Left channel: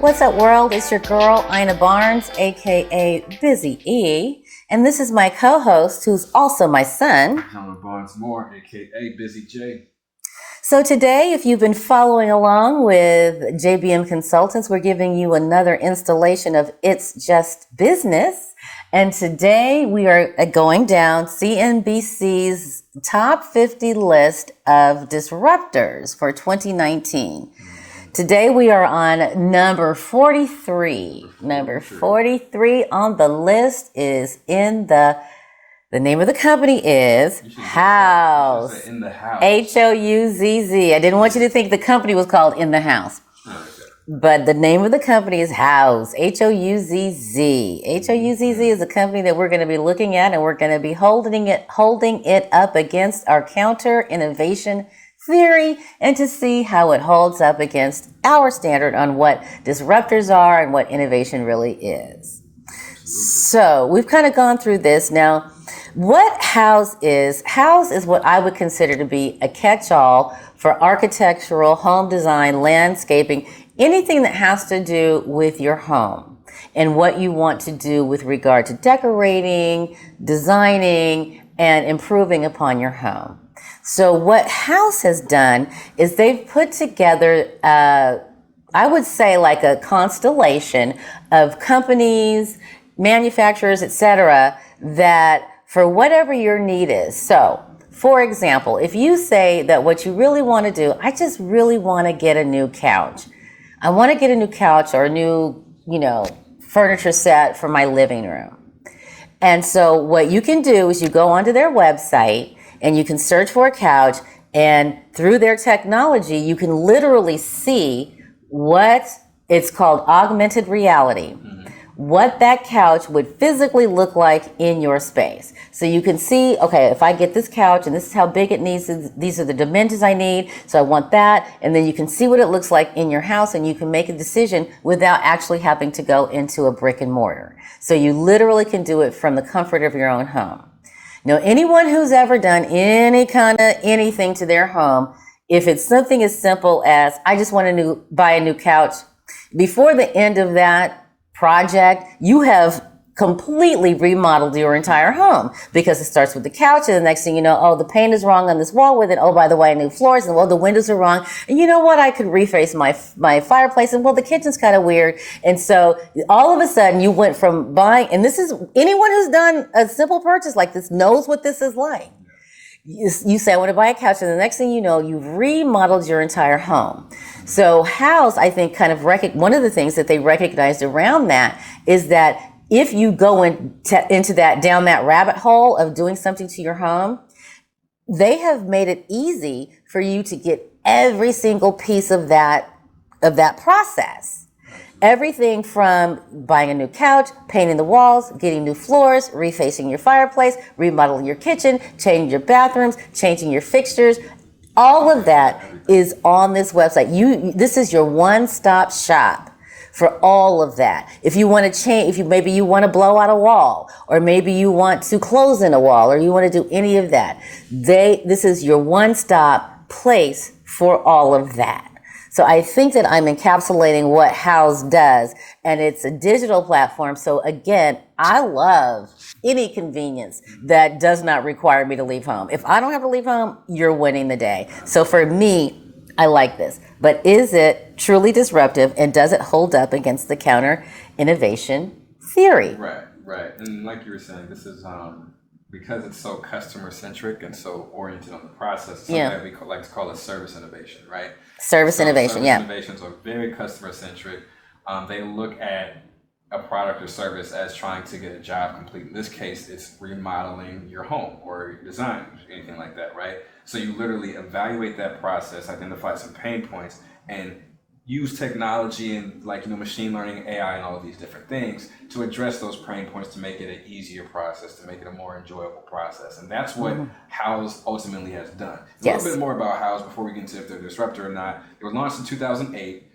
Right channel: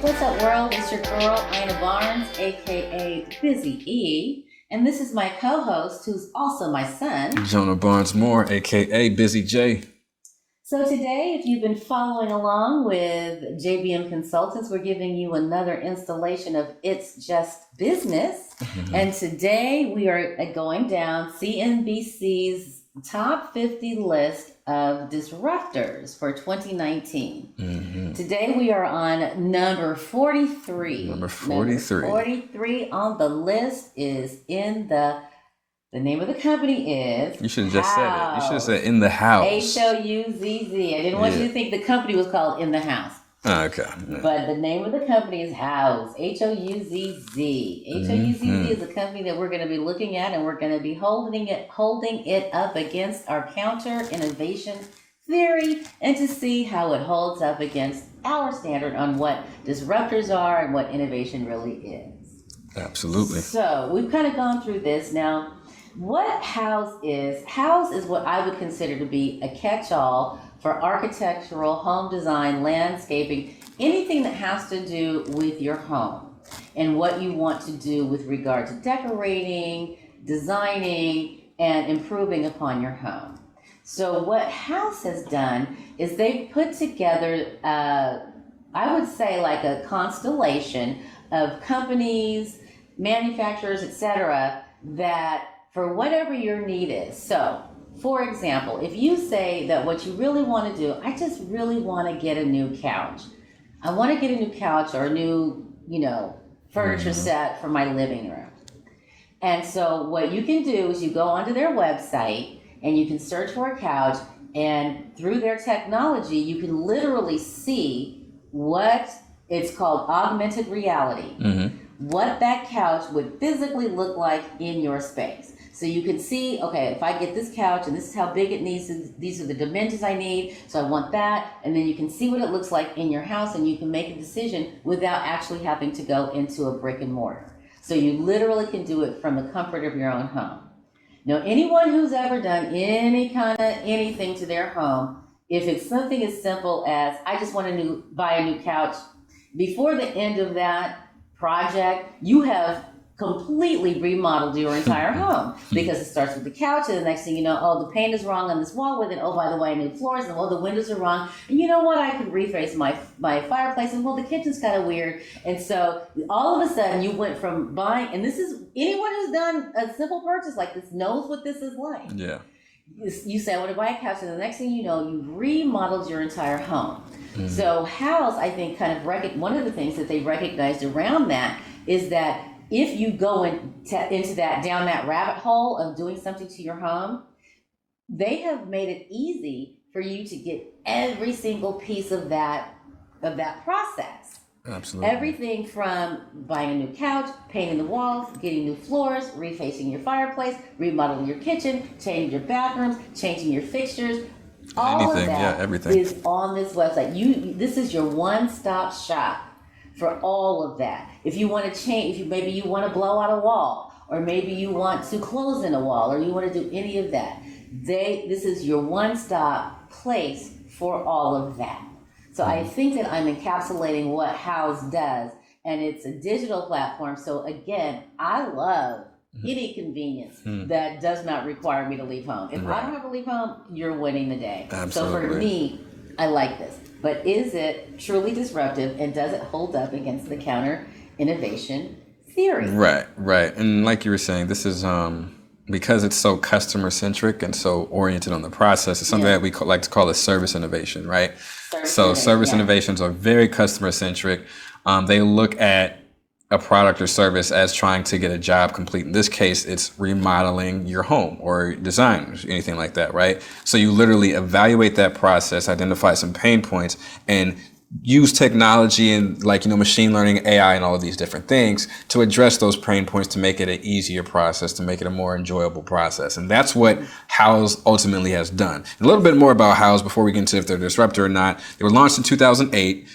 What's up, world? It's your girl, Ina Barnes, aka Busy E. And this is my co-host, who's also my son, Jonah Barnes Moore, aka Busy J. So today, if you've been following along with JBM Consultants, we're giving you another installation of It's Just Business. Mm-hmm. And today we are going down CNBC's top 50 list of disruptors for 2019. Mm-hmm. Today we are on number 43. Number 43 on the list is in the name of the company is You should have said In the House. Houzz. I didn't want you to think the company was called In the House. Okay. But the name of the company is Houzz. Houzz. Houzz is a company that we're going to be looking at, and we're going to be holding it up against our counter innovation theory and to see how it holds up against our standard on what disruptors are and what innovation really is. Absolutely. So we've kind of gone through this. Now, what Houzz is what I would consider to be a catch-all for architectural, home design, landscaping, anything that has to do with your home and what you want to do with regard to decorating, designing, and improving upon your home. So what Houzz has done is they've put together, I would say, like a constellation of companies, manufacturers, etc., that for whatever your need is. So, for example, if you say that what you really want to do, I just really want to get a new couch. I want to get a new couch or a new, furniture set for my living room. And so what you can do is you go onto their website and you can search for a couch, and through their technology, you can literally see what it's called augmented reality. Mm-hmm. What that couch would physically look like in your space. So you can see, okay, if I get this couch and this is how big it needs, these are the dimensions I need, so I want that, and then you can see what it looks like in your house, and you can make a decision without actually having to go into a brick and mortar. So you literally can do it from the comfort of your own home. Now, anyone who's ever done any kind of anything to their home, if it's something as simple as, I just want to buy a new couch, before the end of that project, you have completely remodeled your entire home, because it starts with the couch, and the next thing you know, oh, the paint is wrong on this wall with it. Oh, by the way, new floors, and the windows are wrong. And you know what? I could reface my fireplace, and the kitchen's kind of weird. And so all of a sudden, you went from buying, and this is anyone who's done a simple purchase like this knows what this is like. Yeah. You say, I want to buy a couch, and the next thing you know, you've remodeled your entire home. Mm-hmm. So Houzz, I think, one of the things that they recognized around that is that if you go down that rabbit hole of doing something to your home, they have made it easy for you to get every single piece of that process. Absolutely. Everything from buying a new couch, painting the walls, getting new floors, refacing your fireplace, remodeling your kitchen, changing your bathrooms, changing your fixtures. All of that is on this website. This is your one-stop shop for all of that. If you want to change, maybe you want to blow out a wall, or maybe you want to close in a wall, or you want to do any of that, this is your one-stop place for all of that. So I think that I'm encapsulating what Houzz does, and it's a digital platform. So again, I love any convenience that does not require me to leave home. If I don't have to leave home, you're winning the day. Absolutely. So for me, I like this. But is it truly disruptive, and does it hold up against the counter innovation theory? Right. And like you were saying, this is because it's so customer centric and so oriented on the process. It's something that we like to call a service innovation, right? Service innovations are very customer centric. They look at a product or service as trying to get a job complete. In this case, it's remodeling your home or design, or anything like that, right? So you literally evaluate that process, identify some pain points, and use technology and machine learning, AI, and all of these different things to address those pain points, to make it an easier process, to make it a more enjoyable process. And that's what Houzz ultimately has done. A little bit more about Houzz before we get into if they're a disruptor or not. They were launched in 2008.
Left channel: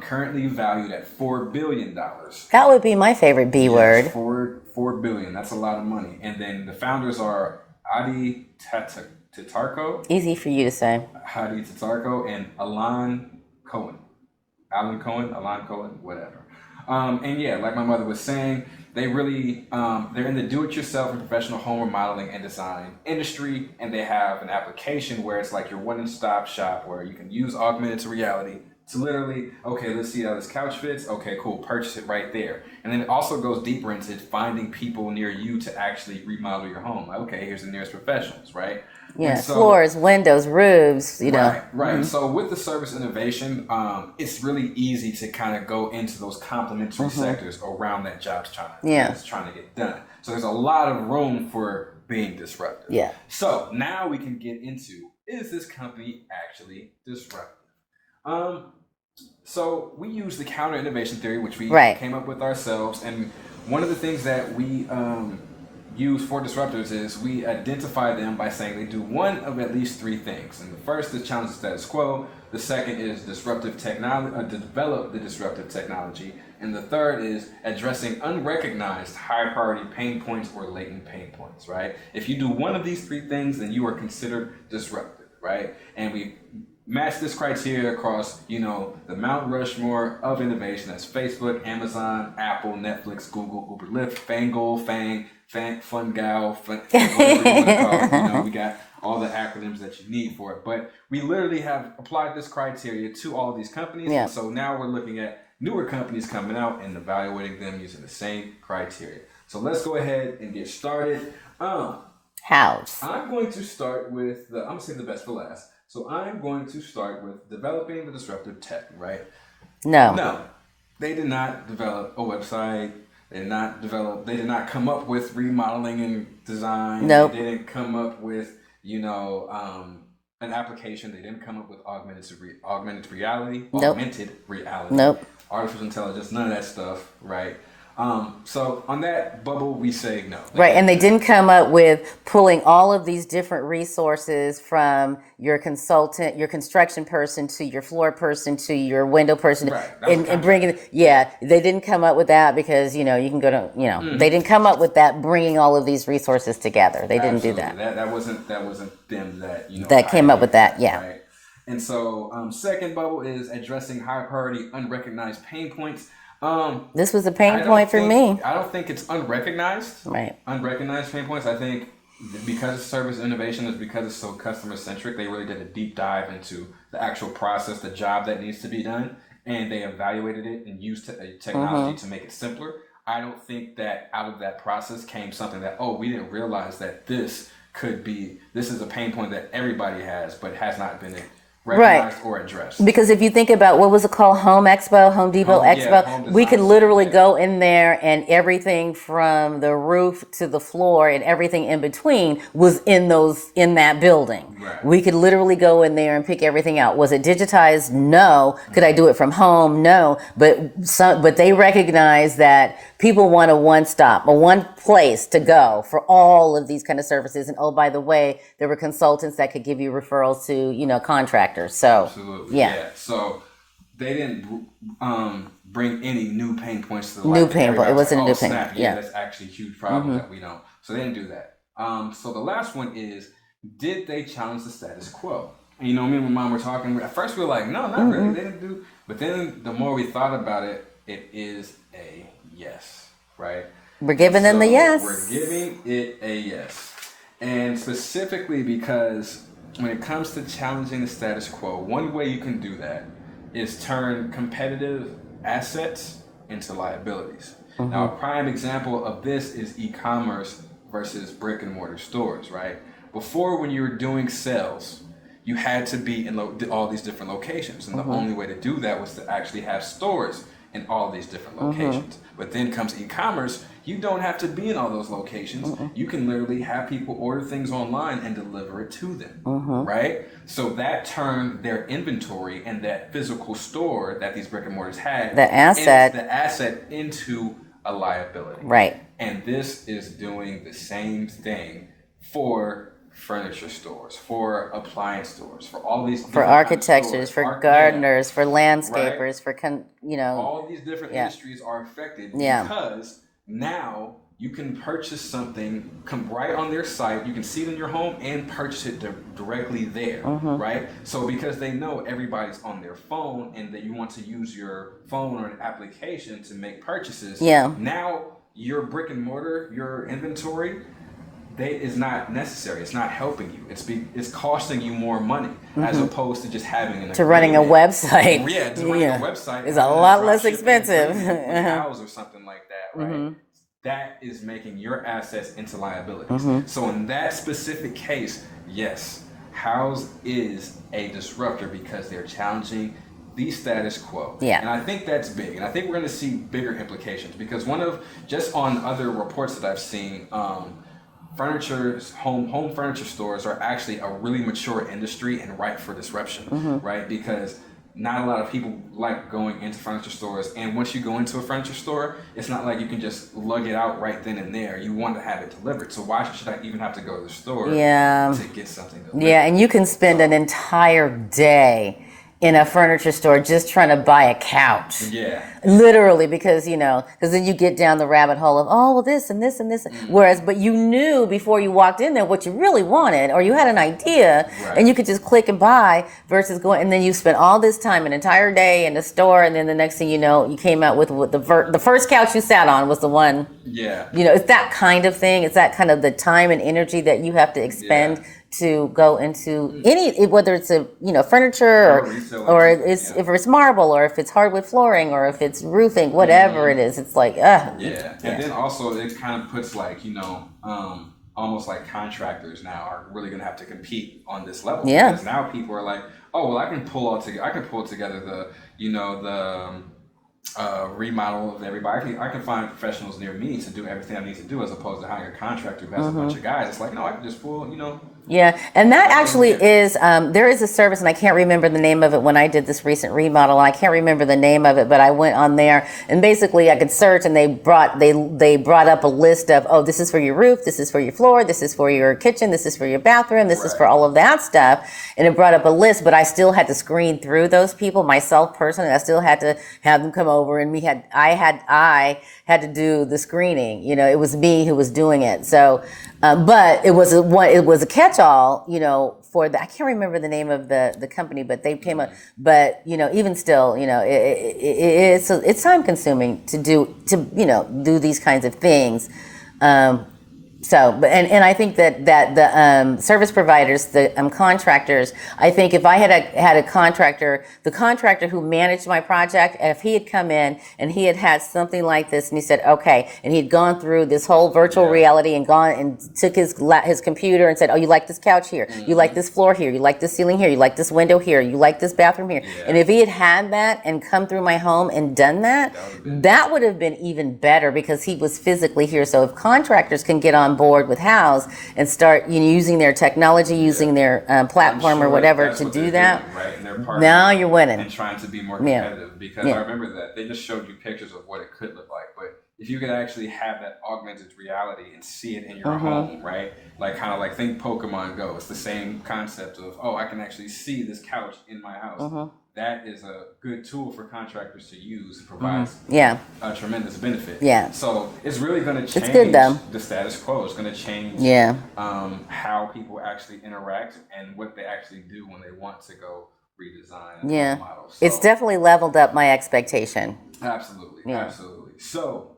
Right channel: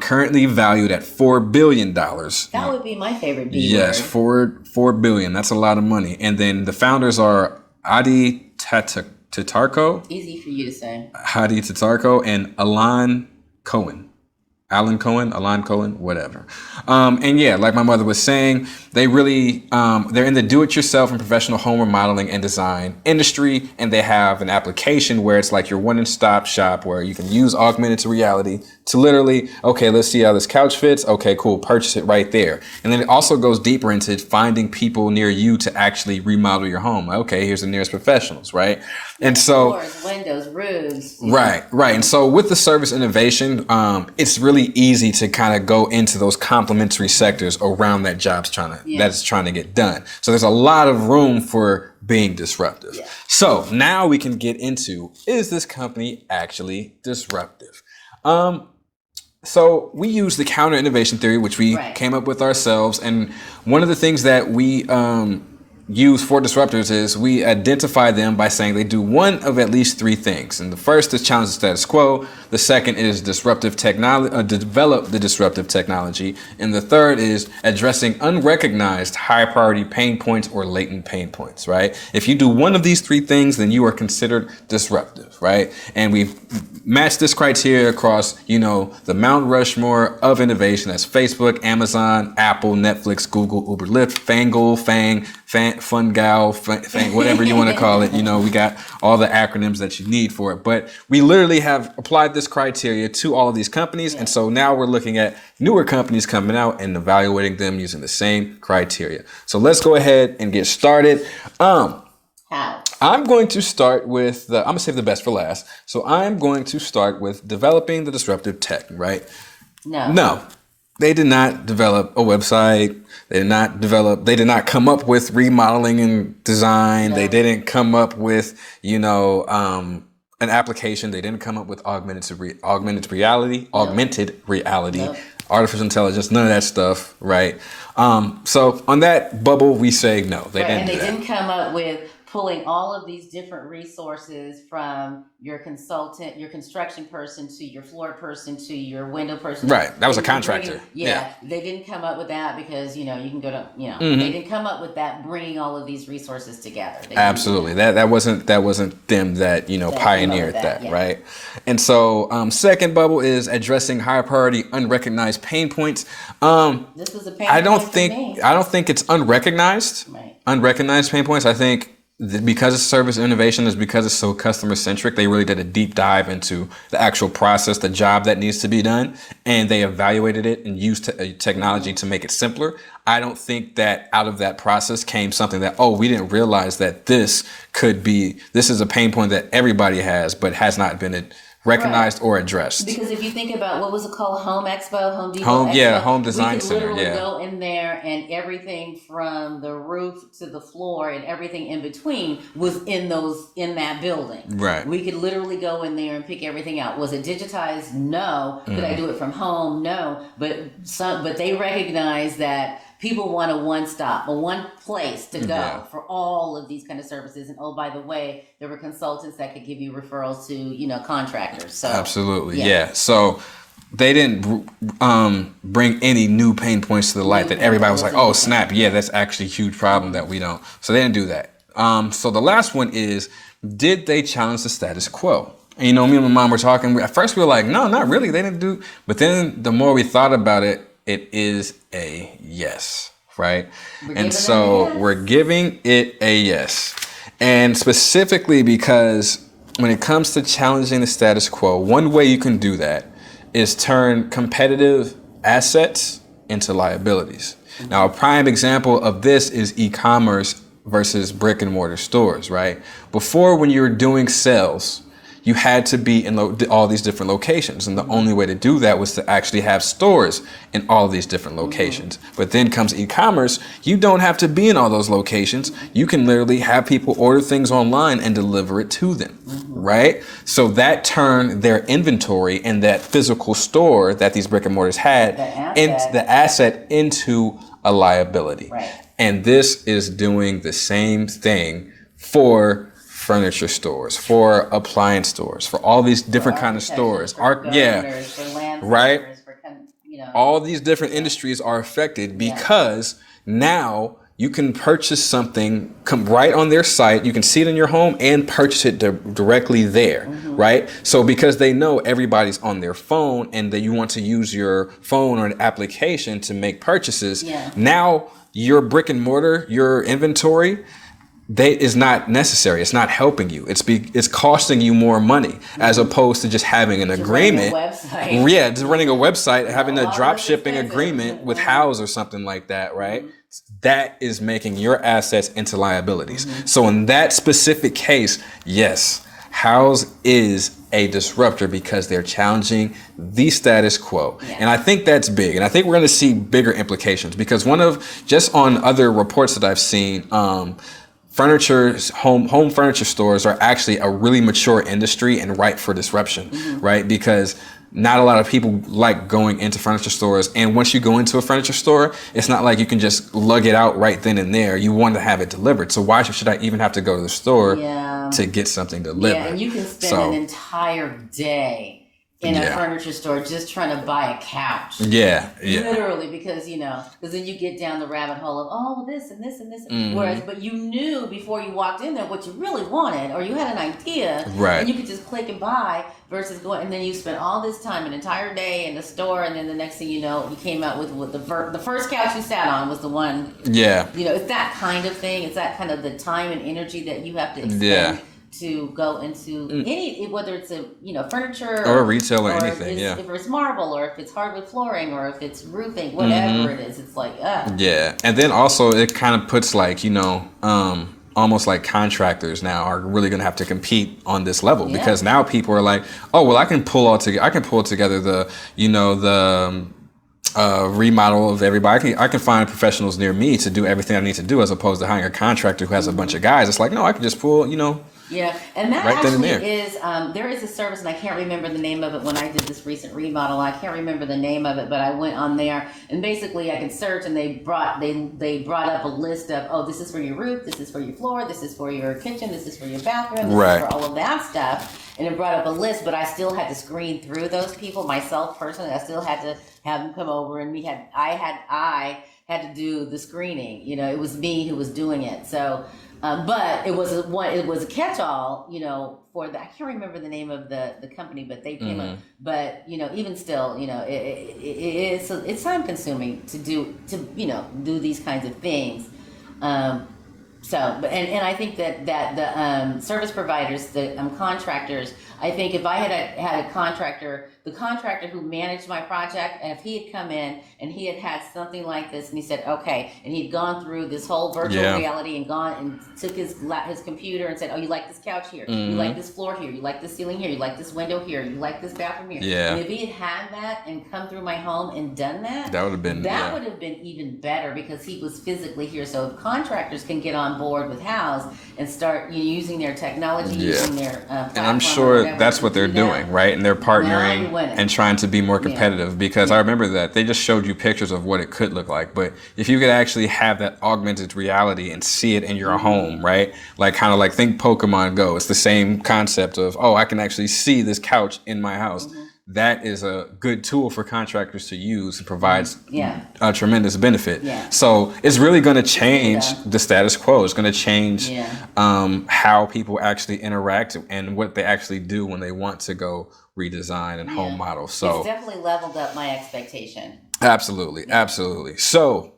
Currently valued at $4 billion. That would be my favorite B yes, word. $4 billion. That's a lot of money. And then the founders are Adi Tatarko. Easy for you to say. Adi Tatarko and Alan Cohen. Alan Cohen, whatever. And yeah, like my mother was saying, they really, they're in the do-it-yourself and professional home remodeling and design industry, and they have an application where it's like your one-stop shop where you can use augmented reality to literally, okay, let's see how this couch fits. Okay, cool, purchase it right there. And then it also goes deeper into finding people near you to actually remodel your home. Okay, here's the nearest professionals, right? Yeah, and so floors, windows, roofs. Right. And so with the service innovation, it's really easy to kind of go into those complementary sectors around that that's trying to get done. So there's a lot of room for being disruptive. Yeah. So now we can get into, is this company actually disruptive? So we use the counter innovation theory, which we came up with ourselves. And one of the things that we use for disruptors is we identify them by saying they do one of at least three things. And the first is challenge the status quo. The second is disruptive technology, develop the disruptive technology. And the third is addressing unrecognized high priority pain points or latent pain points, right? If you do one of these three things, then you are considered disruptive, right? And we've matched this criteria across, the Mount Rushmore of innovation. That's Facebook, Amazon, Apple, Netflix, Google, Uber, Lyft, Fangold, Fungal, whatever you want to call it. We got all the acronyms that you need for it. But we literally have applied this criteria to all of these companies. Yeah. And so now we're looking at newer companies coming out and evaluating them using the same criteria. So let's go ahead and get started. How? I'm going to start with I'm going to save the best for last. So I'm going to start with developing the disruptive tech, right? No. They did not develop a website. They did not come up with remodeling and design. Nope. They didn't come up with, an application. They didn't come up with augmented reality, Nope. Artificial intelligence, none of that stuff, right? So on that bubble, we say no. They didn't come up with pulling all of these different resources from your consultant, your construction person, to your floor person, to your window person. Right, that was a contractor. They didn't come up with that because, you can go to, they didn't come up with that bringing all of these resources together. They didn't Absolutely. do that. That wasn't them that, that pioneered came up with that, right? And so second bubble is addressing higher priority unrecognized pain points. This was a pain point for me. I don't think it's unrecognized. Right. Unrecognized pain points. I think because it's service innovation, is because it's so customer centric. They really did a deep dive into the actual process, the job that needs to be done, and they evaluated it and used technology to make it simpler. I don't think that out of that process came something that, we didn't realize that this is a pain point that everybody has, but has not been recognized or addressed. Because if you think about, what was it called? Home Expo, Home Depot Expo. Yeah, Home Design we could literally go in there and everything from the roof to the floor and everything in between was in that building. Right. We could literally go in there and pick everything out. Was it digitized? No. Could I do it from home? No. But they recognize that people want a one place to go for all of these kind of services. And by the way, there were consultants that could give you referrals to, contractors. So absolutely, yeah. So they didn't bring any new pain points to the light that everybody was like, oh snap, that's actually a huge problem that we don't. So they didn't do that. So the last one is, did they challenge the status quo? And, me and my mom were talking. At first we were like, no, not really. They didn't do. But then the more we thought about it, it is a yes, right? We're giving it a yes. We're giving it a yes. And specifically because when it comes to challenging the status quo, one way you can do that is turn competitive assets into liabilities. Now, a prime example of this is e-commerce versus brick and mortar stores, right? Before, when you were doing sales, you had to be in all these different locations. And the only way to do that was to actually have stores in all these different locations. But then comes e-commerce. You don't have to be in all those locations. You can literally have people order things online and deliver it to them, right? So that turned their inventory in that physical store that these brick and mortars had, the asset into a liability. Right. And this is doing the same thing for furniture stores, for appliance stores, for all these different kinds of stores, for gardeners, for landscapers, for all these different industries are affected because now you can purchase something, come right on their site. You can see it in your home and purchase it directly there, right? So because they know everybody's on their phone and that you want to use your phone or an application to make purchases, now your brick and mortar, your inventory, is not necessary. It's not helping you. It's costing you more money as opposed to just having an agreement. Running a website. Yeah, just running a website and having a drop shipping agreement with Houzz or something like that, right? That is making your assets into liabilities. So in that specific case, yes, Houzz is a disruptor because they're challenging the status quo. And I think that's big. And I think we're going to see bigger implications because just on other reports that I've seen, home furniture stores are actually a really mature industry and ripe for disruption, right? Because not a lot of people like going into furniture stores. And once you go into a furniture store, it's not like you can just lug it out right then and there. You want to have it delivered. So why should I even have to go to the store to get something delivered? Yeah, and you can spend an entire day in a furniture store just trying to buy a couch. Literally, because then you get down the rabbit hole of, oh, well, this and this and this. But you knew before you walked in there what you really wanted, or you had an idea, and you could just click and buy versus going, and then you spent all this time, an entire day in the store, and then the next thing you know, you came out with the first couch you sat on was the one. It's that kind of thing. It's that kind of the time and energy that you have to expend to go into whether it's a furniture or retail or anything, if it's marble or if it's hardwood flooring or if it's roofing, whatever it is, it's like and then also it kind of puts almost like contractors now are really going to have to compete on this level because now people are like, oh well, I can pull together the remodel of everybody. I can find professionals near me to do everything I need to do as opposed to hiring a contractor who has a bunch of guys. It's like, no, I can just pull, Yeah, and that actually is, there is a service, and I can't remember the name of it when I did this recent remodel. I can't remember the name of it, but I went on there, and basically I could search, and they brought up a list of, oh, this is for your roof, this is for your floor, this is for your kitchen, this is for your bathroom, this is for all of that stuff, and it brought up a list, but I still had to screen through those people, myself personally. I still had to have them come over, and I had to do the screening. It was me who was doing it. So, but it was a catch-all, for the, I can't remember the name of the company, but they came up. But even still, it's time consuming to do these kinds of things. So, and I think that the service providers, the contractors, I think if I had a contractor, the contractor who managed my project, and if he had come in and he had something like this, and he said, okay, and he'd gone through this whole virtual reality and gone and took his computer and said, oh, you like this couch here, you like this floor here, you like this ceiling here, you like this window here, you like this bathroom here, and if he had that and come through my home and done that, that would have been even better because he was physically here. So if contractors can get on board with Houzz and start using their technology, using their platform or whatever. That's what they're doing, right? And they're partnering now you're winning. And trying to be more competitive because I remember that they just showed you pictures of what it could look like. But if you could actually have that augmented reality and see it in your home, right? Like kind of like think Pokemon Go. It's the same concept of, oh, I can actually see this couch in my house. That is a good tool for contractors to use and provides a tremendous benefit. So it's really going to change the status quo. It's going to change how people actually interact and what they actually do when they want to go redesign and home model. So it's definitely leveled up my expectation. Absolutely. So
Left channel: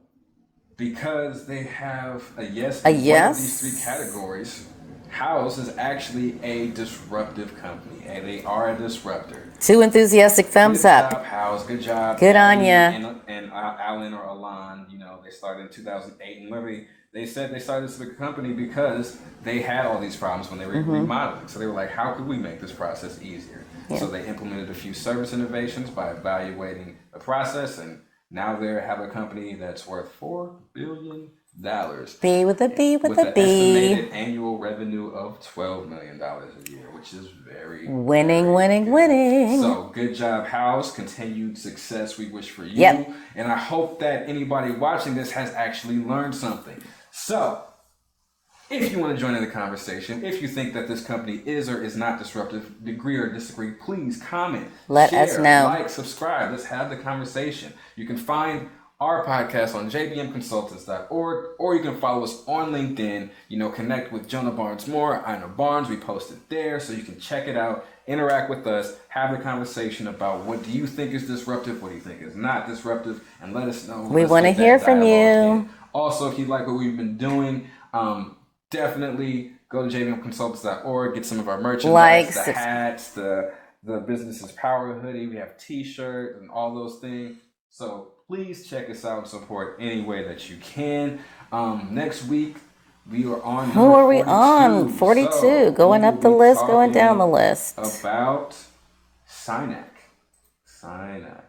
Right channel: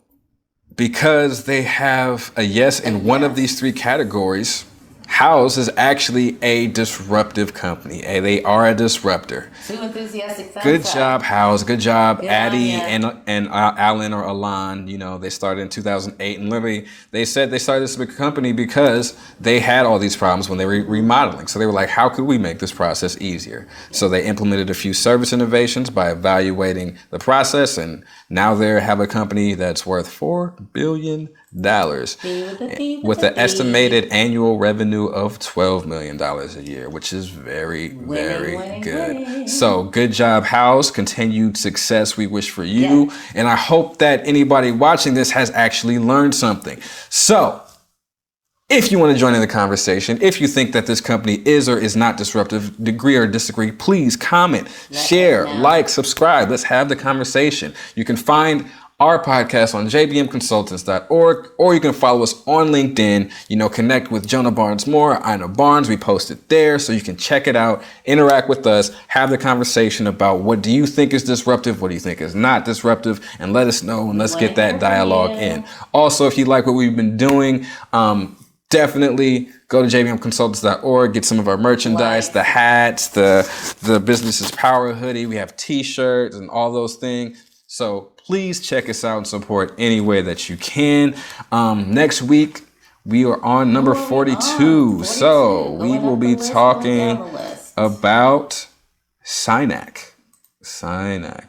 because they have a yes in one of these three categories, Houzz is actually a disruptive company. They are a disruptor. Two enthusiastic thumbs up. Good job, Houzz. Good job, Good Addie and Alan or Alan. They started in 2008, and literally they said they started this big company because they had all these problems when they were remodeling. So they were like, how could we make this process easier? So they implemented a few service innovations by evaluating the process, and now they have a company that's worth $4 billion. With an estimated annual revenue of $12 million a year, which is very winning. So good job, Houzz. Continued success we wish for you. And I hope that anybody watching this has actually learned something. So if you want to join in the conversation, if you think that this company is or is not disruptive, agree or disagree, please comment, share, like, subscribe. Let's have the conversation. You can find our podcast on jbmconsultants.org, or you can follow us on LinkedIn. Connect with Jonah Barnes Moore. I know Barnes. We post it there, so you can check it out, interact with us, have the conversation about what do you think is disruptive, what do you think is not disruptive, and let us know, and let's get that dialogue in. Also, if you like what we've been doing, definitely go to jbmconsultants.org, get some of our merchandise, the hats, the Business is Power hoodie. We have t-shirts and all those things. So please check us out and support any way that you can. Next week, we are on number 42. 42, so going we will up the be list, talking going down the list. about SINAC.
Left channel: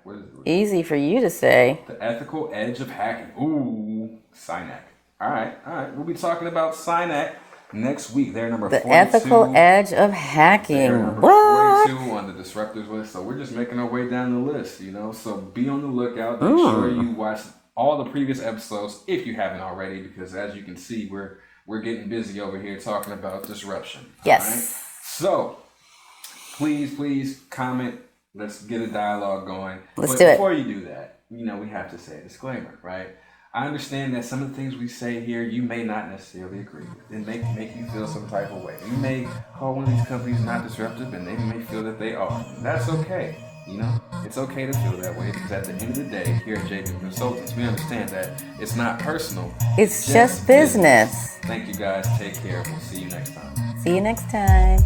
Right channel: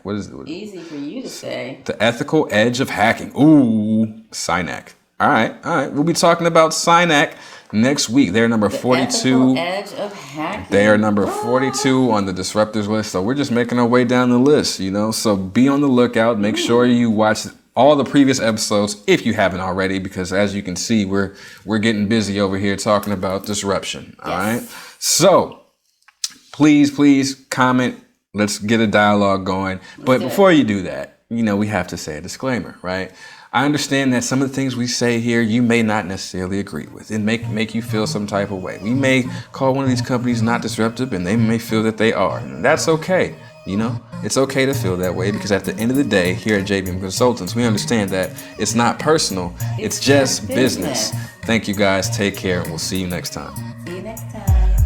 What is it? Easy for you to say. The ethical edge of hacking. Ooh, SINAC. All right. We'll be talking about SINAC next week. They're number 42. The ethical edge of hacking. They are number 42 on the Disruptors list. So we're just making our way down the list, So be on the lookout. Make sure you watch all the previous episodes if you haven't already, because as you can see, we're getting busy over here talking about disruption. Yes. All right. So please comment. Let's get a dialogue going. But before you do that, we have to say a disclaimer, right? I understand that some of the things we say here you may not necessarily agree with. It make you feel some type of way. We may call one of these companies not disruptive, and they may feel that they are. And that's okay. It's okay to feel that way, because at the end of the day, here at JBM Consultants, we understand that it's not personal. It's just business. Thank you guys. Take care. We'll see you next time. See you next time.